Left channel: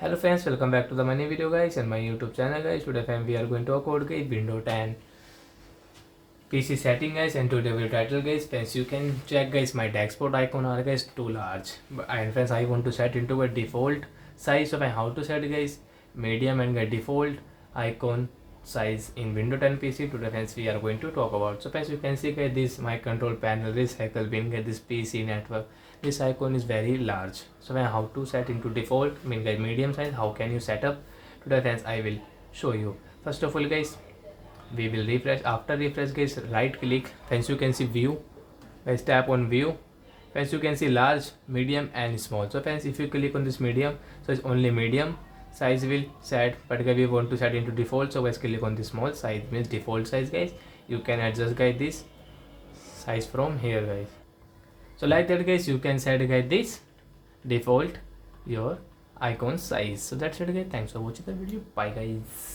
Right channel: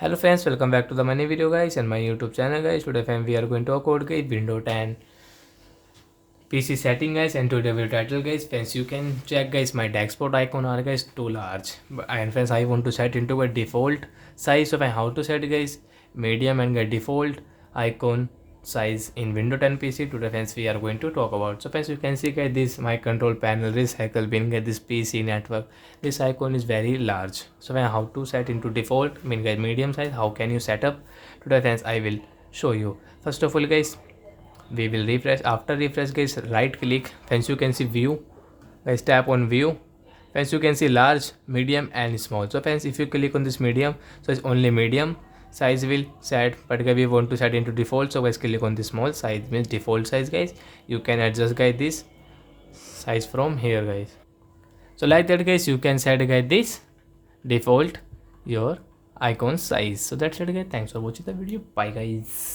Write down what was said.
Hello friends, welcome back to the money video guys and my YouTube channel guys. Today fam we are going to talk about guys Windows 10 PC setting guys, and today video title guys. Friends, you can check guys my dashboard icon are guys too large. And friends, I want to set into a default size. So how to set guys medium and get default icon size in Windows 10 PC. Today friends we are going to talk about. So friends, you can see guys this my control panel recycle bin guys, this PC network, this icon is very large. So how to set into default mean guys medium size, how can you set up? Today friends I will show you. First of all guys, we will refresh. After refresh guys, right click, friends you can see view guys, tap on view. Friends, you can see large, medium and small. So friends, if you click on this medium, so it's only medium size will set, but guys we want to set into default, so guys click on the small size means default size guys. You can adjust guys this size from here guys. So like that guys, you can set guys this default your icon size. So that's it guys, thanks for watching the video, bye guys.